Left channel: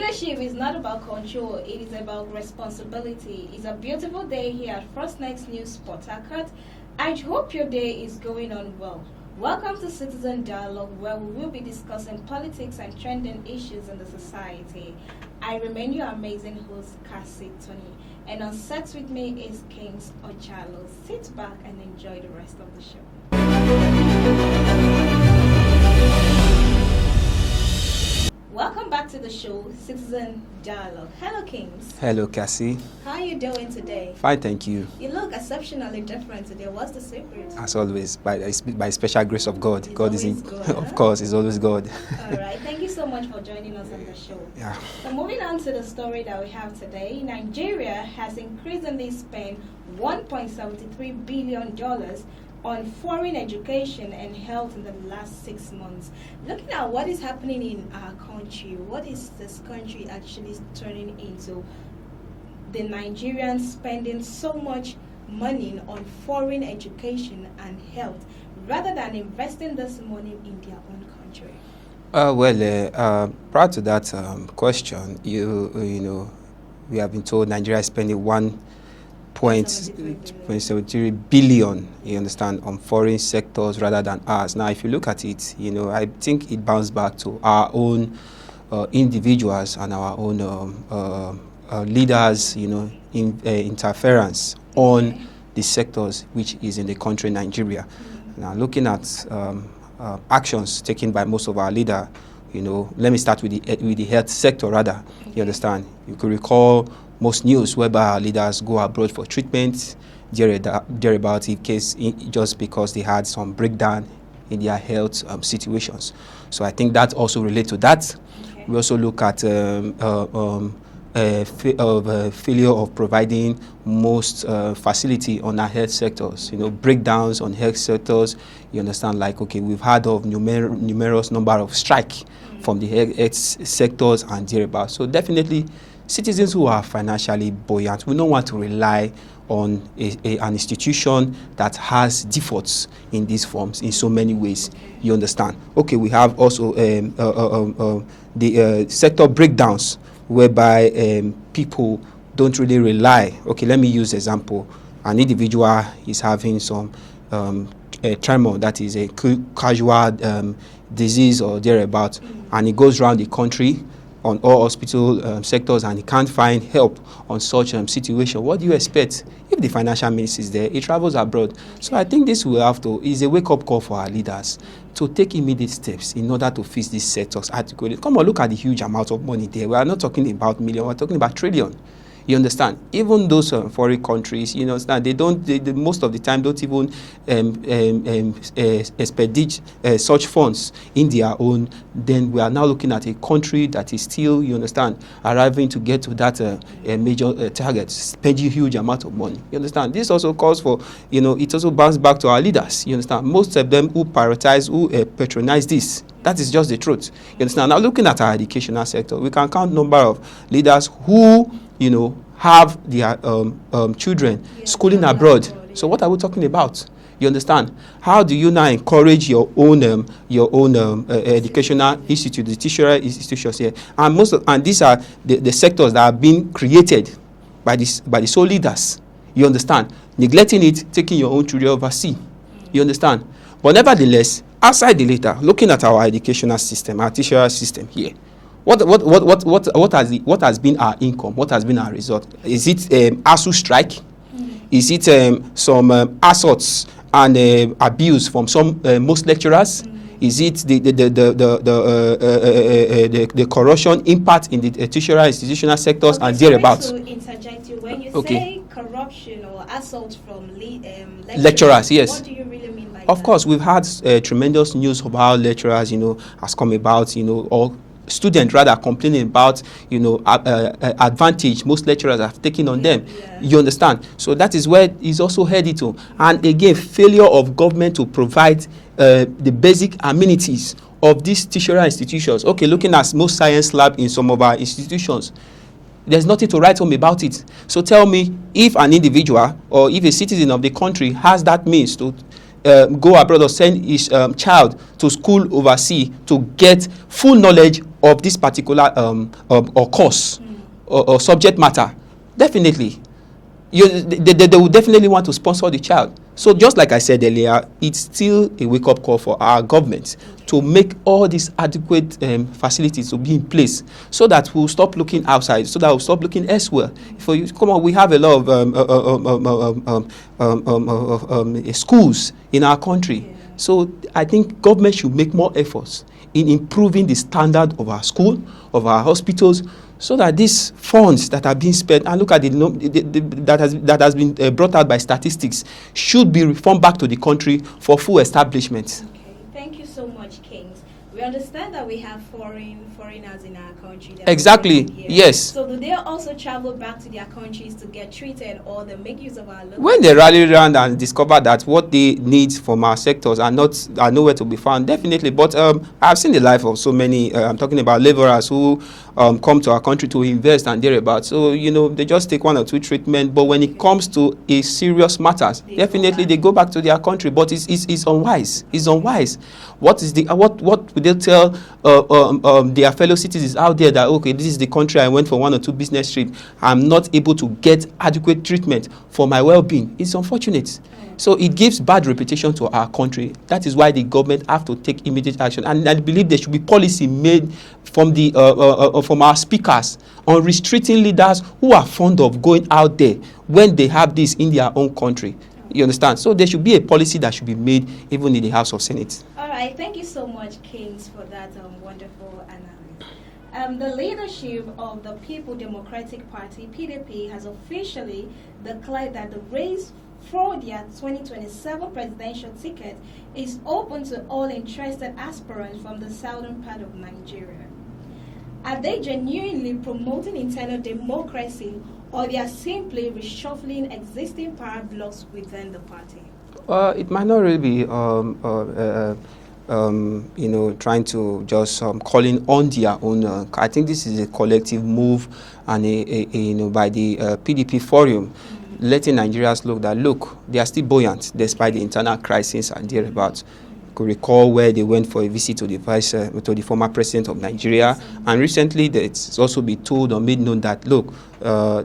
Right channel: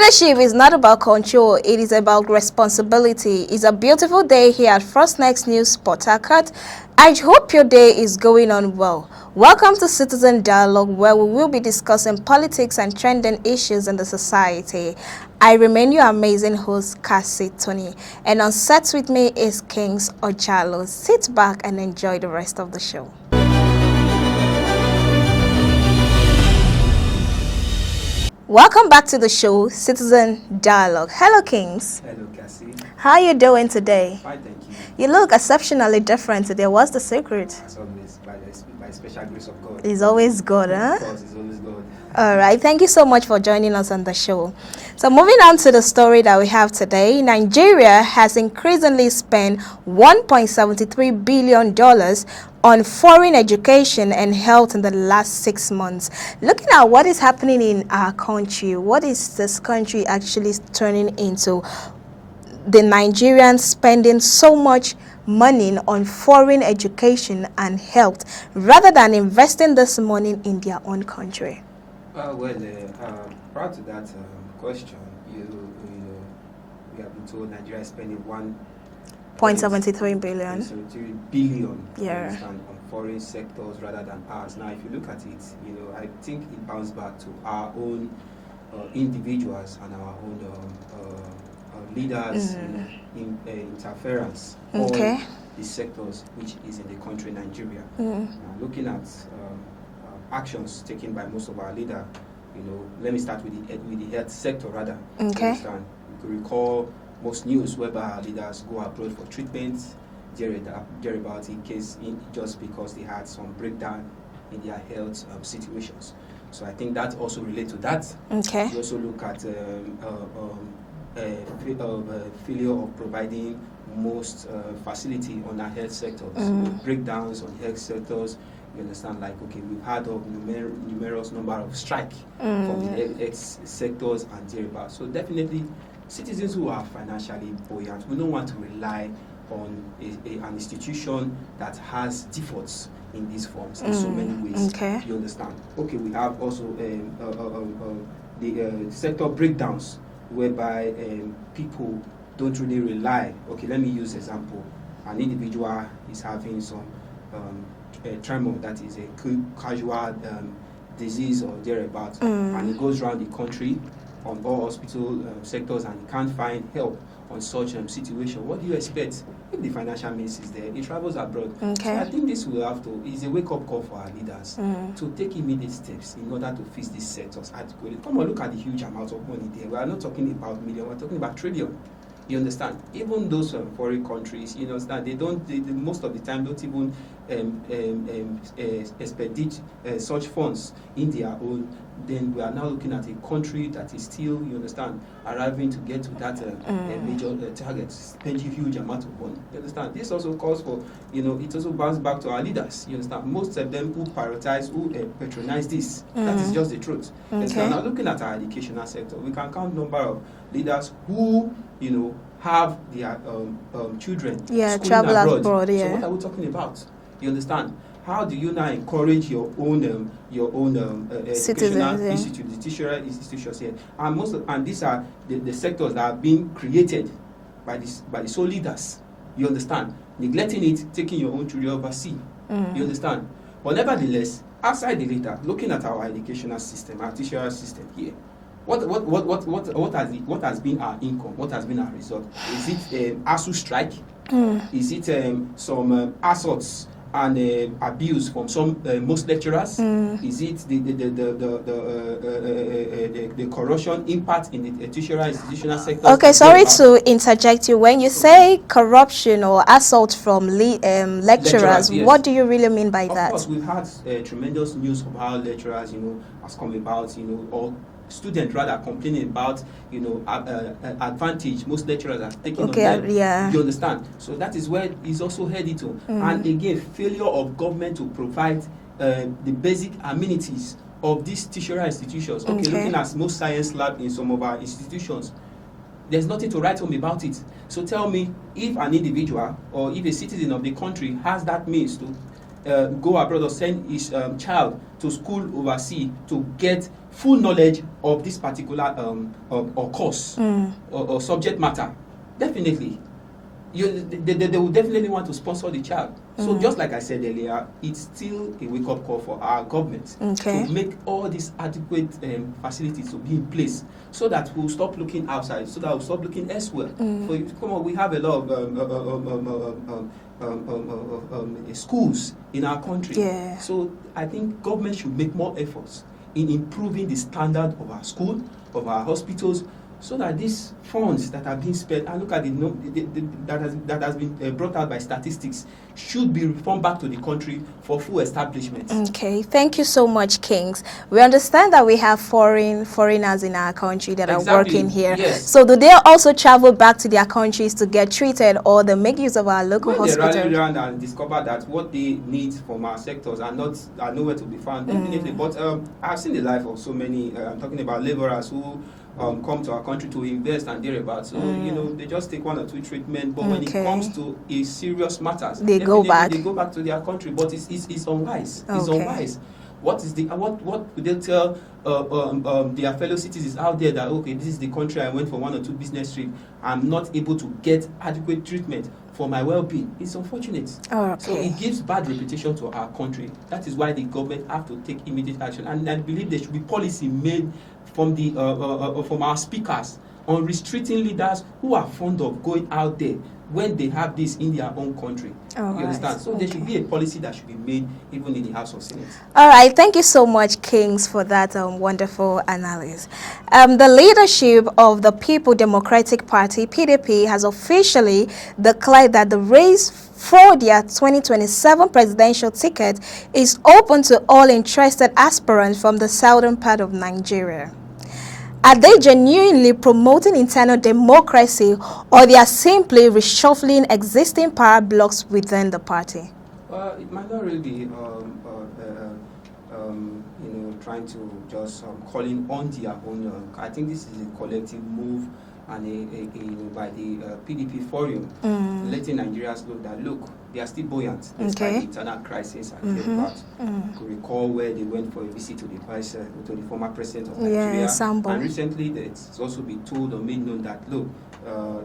Leadership is not about control, it is about responsibility. It's a beautiful day here at First Next News Port Harcourt. I hope your day is going on well. Welcome to Citizen Dialogue, where we will be discussing politics and trending issues in the society. I remain your amazing host, Cassie Tony, and on set with me is Kings Ojalo. Sit back and enjoy the rest of the show. Welcome back to the show, Citizen Dialogue. Hello, Kings. Hello, Cassie. How are you doing today? Fine, thank you. You look exceptionally different today. What's the secret? As always, by special grace of God. It's always God, huh? Of course, it's always God. All right. Thank you so much for joining us on the show. Yeah. So moving on to the story that we have today, Nigeria has increasingly spent $1.73 billion on foreign education and health in the last 6 months. Looking at what is happening in our country, what is this country actually turning into? The Nigerians spending so much money on foreign education and health rather than investing this money in their own country. Prior to that question, you know, we have been told Nigeria is spending 0.73 billion. 0.73 billion, yeah. You understand, on foreign sectors rather than ours. Now, if you look at it, you know, I think it bounces back to our own individuals and our own leaders, you know, interference on the sectors which is in the country, Nigeria. Now, looking at actions taken by most of our leaders, you know, let me start with the health sector rather. You understand? You could recall most news whereby our leaders go abroad for treatment, thereabout in case just because they had some breakdown in their health situations. So I think that also relates to that. We also look at failure of providing most facility on our health sectors, you know, breakdowns on health sectors. You understand, like, okay, we've heard of numerous number of strike from the health sectors and thereabout. So definitely, citizens who are financially buoyant, we don't want to rely on an institution that has defaults in these forms in so many ways. You understand? Okay, we have also the sector breakdowns whereby people don't really rely. Okay, let me use example. An individual is having some tremor, that is a casual disease or thereabout, and he goes around the country on all hospital sectors and he can't find help on such situation. What do you expect? If the financial minister is there, he travels abroad. So I think this will have to, is a wake-up call for our leaders to take immediate steps in order to fix these sectors adequately. Come on, look at the huge amount of money there. We are not talking about million, we're talking about trillion. You understand? Even those foreign countries, you understand, they most of the time don't even expedite such funds in their own. Then we are now looking at a country that is still, you understand, arriving to get to that major target, spending huge amount of money. You understand? This also calls for, you know, it also bounces back to our leaders. You understand? Most of them who prioritize, who patronize this. That is just the truth. You understand? Now, looking at our educational sector, we can count number of leaders who, you know, have their children schooling abroad. So what are we talking about? You understand? How do you now encourage your own educational institute, the tertiary institutions here? And these are the sectors that are being created by the sole leaders. You understand? Neglecting it, taking your own children overseas. You understand? But nevertheless, outside the later, looking at our educational system, our tertiary system here, what has been our income? What has been our result? Is it ASU strike? Is it some assaults and abuse from some most lecturers? Is it the corruption impact in the tertiary institutional sectors? Okay, sorry to interject you. When you say corruption or assault from lecturers, yes. What do you really mean by that? Of course, we've had tremendous news about lecturers, you know, has come about, you know, all students rather complaining about, you know, advantage most lecturers have taken on them. You understand? So that is where it's also headed to. And again, failure of government to provide the basic amenities of these tertiary institutions. Okay, looking at most science lab in some of our institutions, there's nothing to write home about it. So tell me, if an individual or if a citizen of the country has that means to go abroad or send his child to school overseas to get full knowledge of this particular or course or subject matter, definitely they will definitely want to sponsor the child. So just like I said earlier, it's still a wake-up call for our government to make all these adequate facilities to be in place, so that we'll stop looking outside, so that we'll stop looking elsewhere. For you, come on, we have a lot of schools in our country. So I think government should make more efforts in improving the standard of our school, of our hospitals, so that these funds that are being spent, and look at that has been brought out by statistics, should be reformed back to the country for full establishment. Okay, thank you so much, Kings. We understand that we have foreigners in our country that are working here. Yes. So do they also travel back to their countries to get treated, or they make use of our local when they rally around and discover that what they need from our sectors are nowhere to be found, definitely. But I've seen the life of so many, I'm talking about laborers who come to our country to invest and thereabouts. So, you know, they just take one or two treatment, but when it comes to a serious matters, definitely they go back to their country. But it's unwise. It's unwise. What would they tell their fellow citizens out there that, okay, this is the country I went for 1 or 2 business trips, I'm not able to get adequate treatment for my well-being? It's unfortunate. So it gives bad reputation to our country. That is why the government have to take immediate action. And I believe there should be policy made from the from our speakers on restricting leaders who are fond of going out there when they have this in their own country. You understand? So there should be a policy that should be made even in the House of Senate. All right. Thank you so much, Kings, for that wonderful analysis. The leadership of the People Democratic Party, PDP, has officially declared that the race for their 2027 presidential ticket is open to all interested aspirants from the southern part of Nigeria. Are they genuinely promoting internal democracy, or they are simply reshuffling existing power blocks within the party? It might not really be, you know, trying to just calling on their own. I think this is a collective move, and you know, by the PDP forum, letting Nigerians look, they are still buoyant despite the internal crisis and thereabouts. Could recall where they went for a visit to the former president of Nigeria, and recently it's also been told or made known that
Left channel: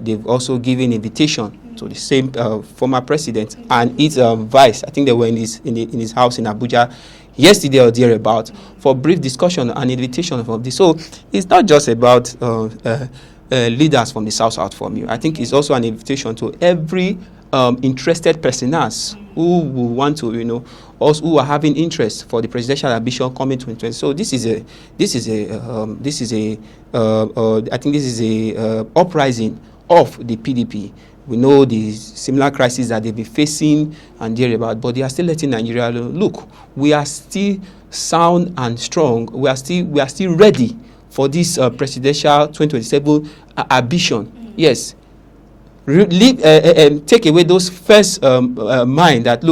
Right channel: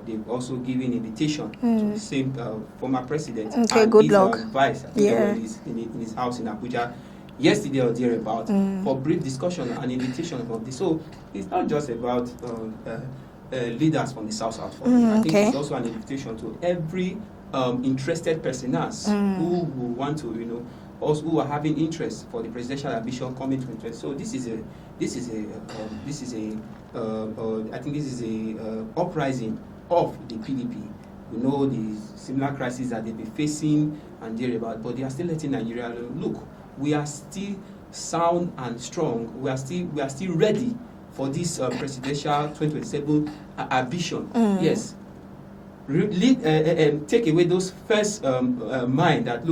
they've also given invitation to the same former president and his vice. I think they were in his house in Abuja yesterday or thereabout for brief discussion and invitation of this. So it's not just about leaders from the south for me. I think it's also an invitation to every interested personas who will want to, you know, also who are having interest for the presidential ambition coming 2020. So I think this is a uprising of the PDP. We know the similar crises that they've been facing and thereabout, but they are still letting Nigeria look. We are still sound and strong. We are still ready for this presidential 2027 ambition. Yes. Take away those first mind that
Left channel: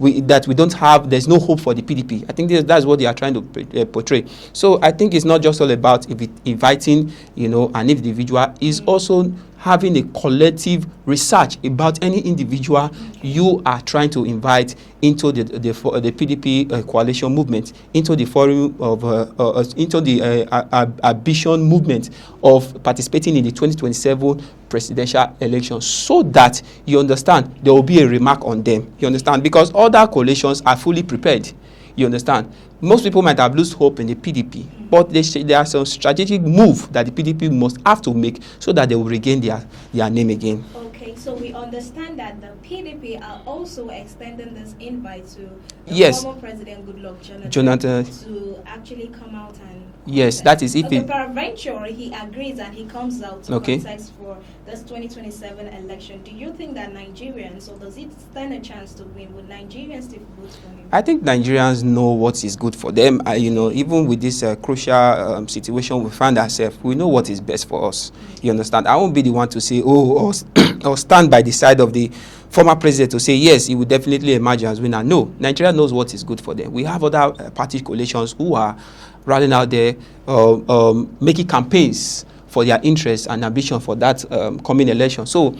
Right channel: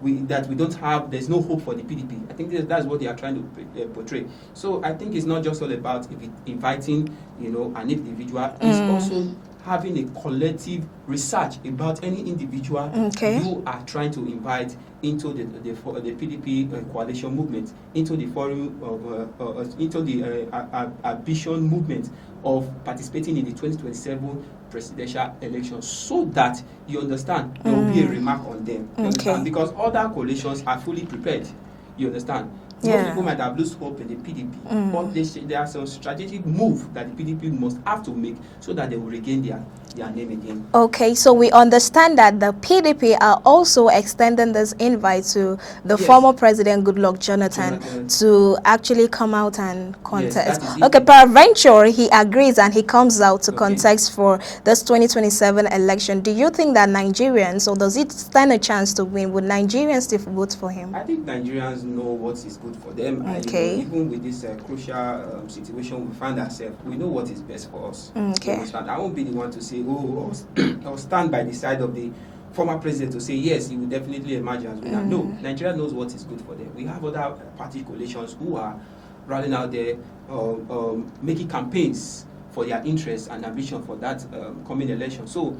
we don't have, there's no hope for the PDP. I think that's what they are trying to portray. So I think it's not just all about inviting, you know, an individual. It's also having a collective research about any individual you are trying to invite into the PDP coalition movement, into the forum of into the ambition movement of participating in the 2027 presidential election, so that you understand there will be a remark on them. You understand? Because other coalitions are fully prepared. You understand? Most people might have lost hope in the PDP, but there are some strategic move that the PDP must have to make so that they will regain their name again. Okay, so we understand that the PDP are also extending this invite to the former President Goodluck Jonathan to actually come out and contest. Yes, that is it. Okay, peradventure he agrees and he comes out to contest for this 2027 election. Do you think that Nigerians, or does it stand a chance to win? Would Nigerians still vote for him? I think Nigerians know what is good for them. You know, even with this crucial situation we find ourselves, we know what is best for us. You understand? I won't be the one to say, or stand by the side of the former president to say, yes, he will definitely emerge as winner. No, Nigeria knows what is good for them. We have other party coalitions who are running out there, making campaigns for their interests and ambition for that coming election. So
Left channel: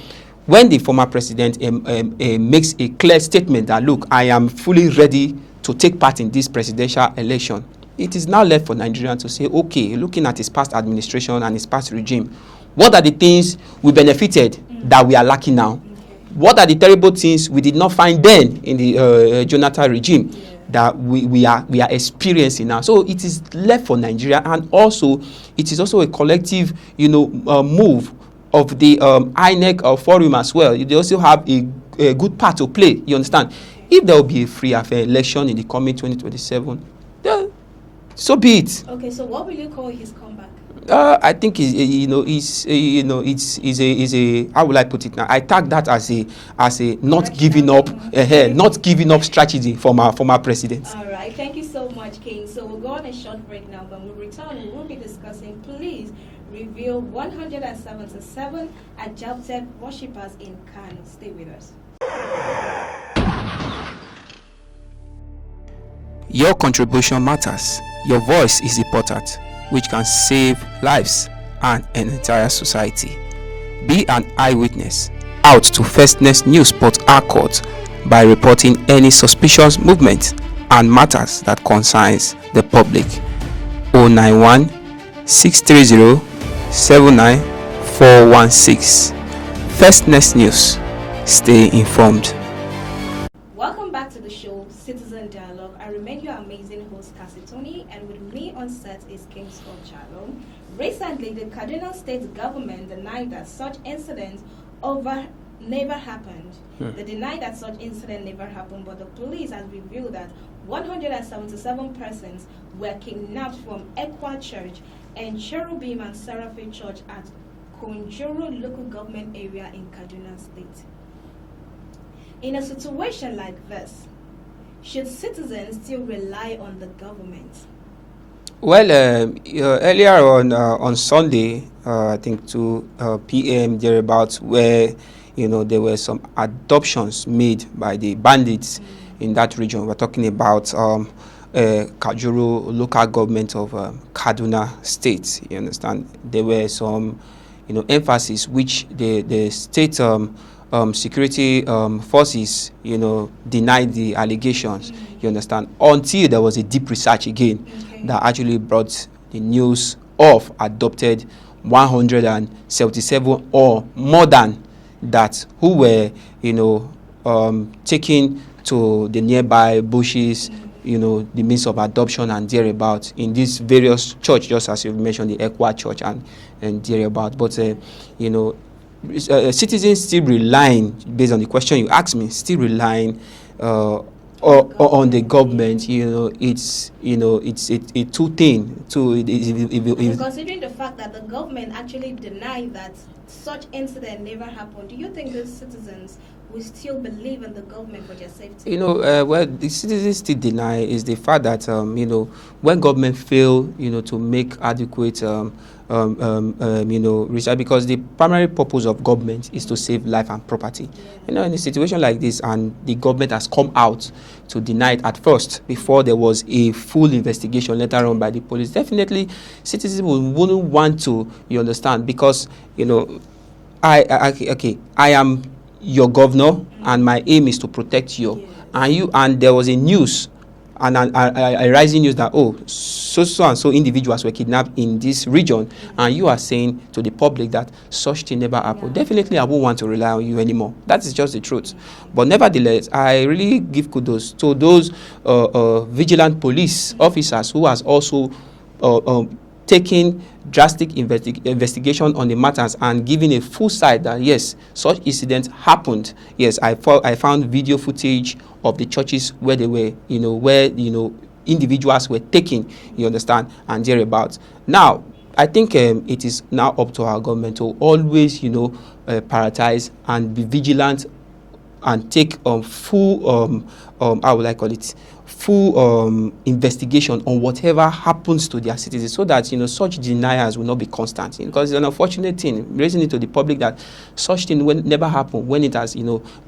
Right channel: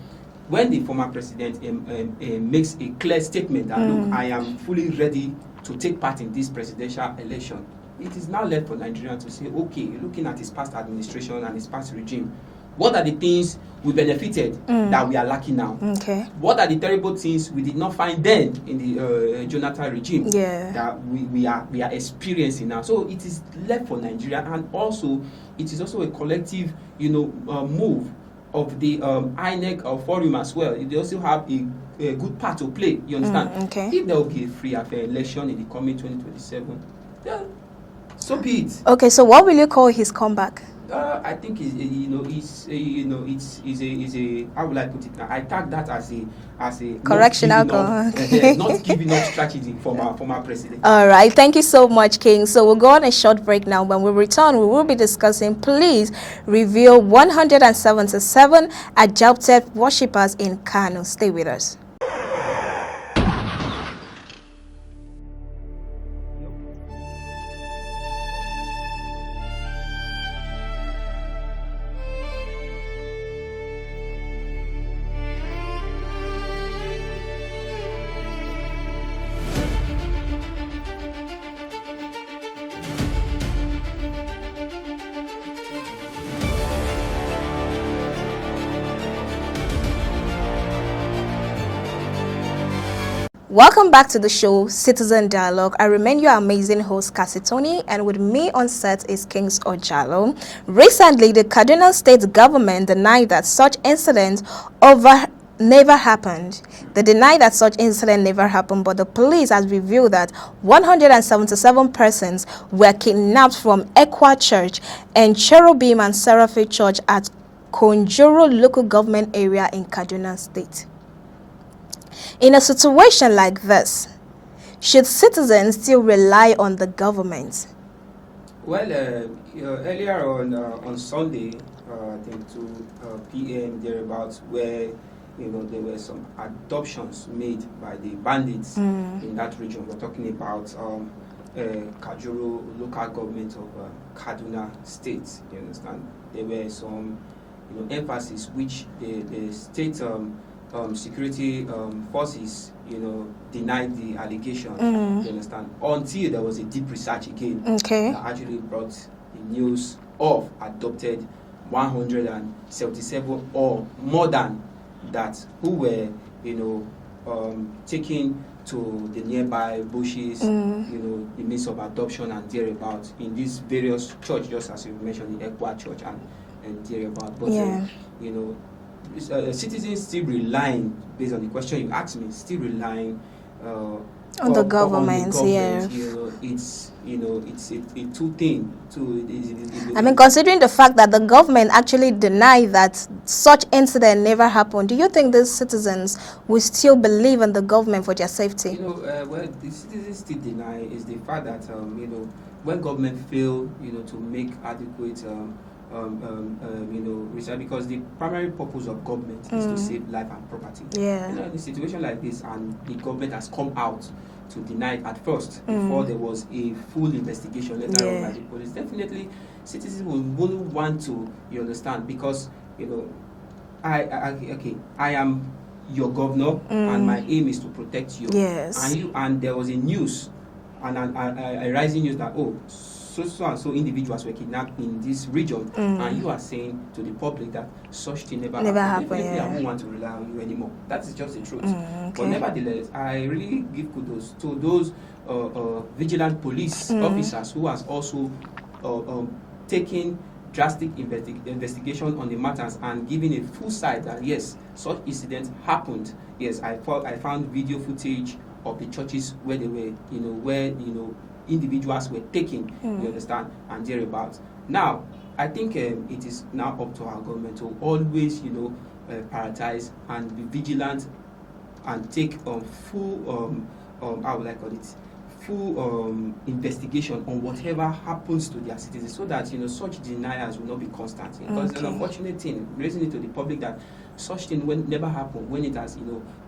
when the former president makes a clear statement that, look, I am fully ready to take part in this presidential election, it is now left for Nigerians to say, okay, looking at his past administration and his past regime, what are the things we benefited that we are lacking now? Okay. What are the terrible things we did not find then in the Jonathan regime that we are experiencing now? So it is left for Nigeria, and also it is also a collective, move of the INEC forum as well. They also have a good part to play. You understand? Okay. If there will be a free and fair election in the coming 2027, then so be it. Okay, so what will you call his comeback? I think it's how will I put it now? I tag that as a not giving up, not giving up strategy from our former president. All right, thank you so much, King. So we'll go on a short break now. When we return, we will be discussing police reveal 177 adopted worshippers in Kano. Stay with us. Your contribution matters. Your voice is important, which can save lives and an entire society. Be an eyewitness out to Firstness News Port Harcourt by reporting any suspicious movement and matters that concerns the public. 091 630 79416. Firstness News. Stay informed. Welcome back to the show, Citizen Dialogue. I remain your amazing host, Kasitoni, and with me on set is Kings Ojalo. Recently, the Kaduna State government denied that such incidents never happened. They denied that such incident never happened, but the police has revealed that 177 persons were kidnapped from Ekwa Church and Cherubim and Seraphim Church at Konjoro local government area in Kaduna State. In a situation like this, should citizens still rely on the government? Well, earlier on Sunday, I think 2 p.m. thereabouts, where there were some adoptions made by the bandits in that region. We're talking about Kajuru local government of Kaduna State. You understand? There were some emphasis which the state security forces, denied the allegations, you understand, until there was a deep research again that actually brought the news of adopted 177 or more than that who were, taken to the nearby bushes, the means of adoption and thereabout in these various churches, just as you mentioned, the Ekwa Church and thereabout. But, citizens still relying, based on the question you asked me, still relying on the government. It's a two-thing. Considering the fact that the government actually denied that such incident never happened, do you think the citizens will still believe in the government for their safety? Well, the citizens still deny is the fact that when government fail, to make adequate research, because the primary purpose of government is to save life and property. In a situation like this, and the government has come out to deny it at first before there was a full investigation later on by the police, definitely citizens wouldn't want to, you understand, because I am your governor and my aim is to protect you. And there was a news and a rising news that so and so individuals were kidnapped in this region, and you are saying to the public that such thing never happened. Definitely, I won't want to rely on you anymore. That is just the truth. But nevertheless, I really give kudos to those vigilant police officers who has also taken drastic investigation on the matters and giving a full side that yes, such incidents happened. Yes, I found video footage of the churches where they were, individuals were taken, you understand, and thereabouts. Now, I think it is now up to our government to always, prioritize and be vigilant and take full, how would I call it, full investigation on whatever happens to their citizens, so that such deniers will not be constant. Because it's an unfortunate thing, raising it to the public that such thing will never happen when it has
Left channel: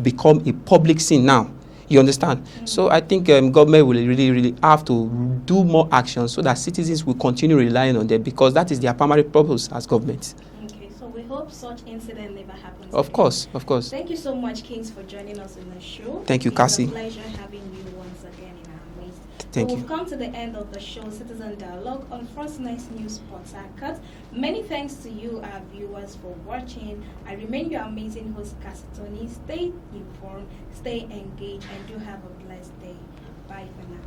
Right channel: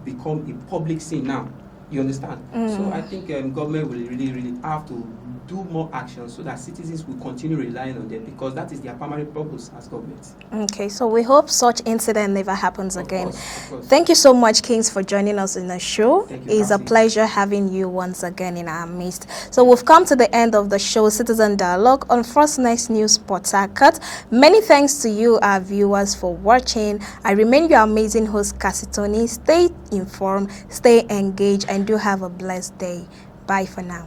become a public sin now. You understand? So I think government will really have to do more action so that citizens will continue relying on them, because that is their primary purpose as government. Okay, so we hope such incident never happens again. Of course. Thank you so much, Kings, for joining us in the show. Thank you, It's Cassie. a pleasure having you once again in our midst. So we've come to the end of the show, Citizen Dialogue on First Next News Port Harcourt. Many thanks to you, our viewers, for watching. I remain your amazing host, Cassie Tony. Stay informed, stay engaged, and do have a blessed day. Bye for now.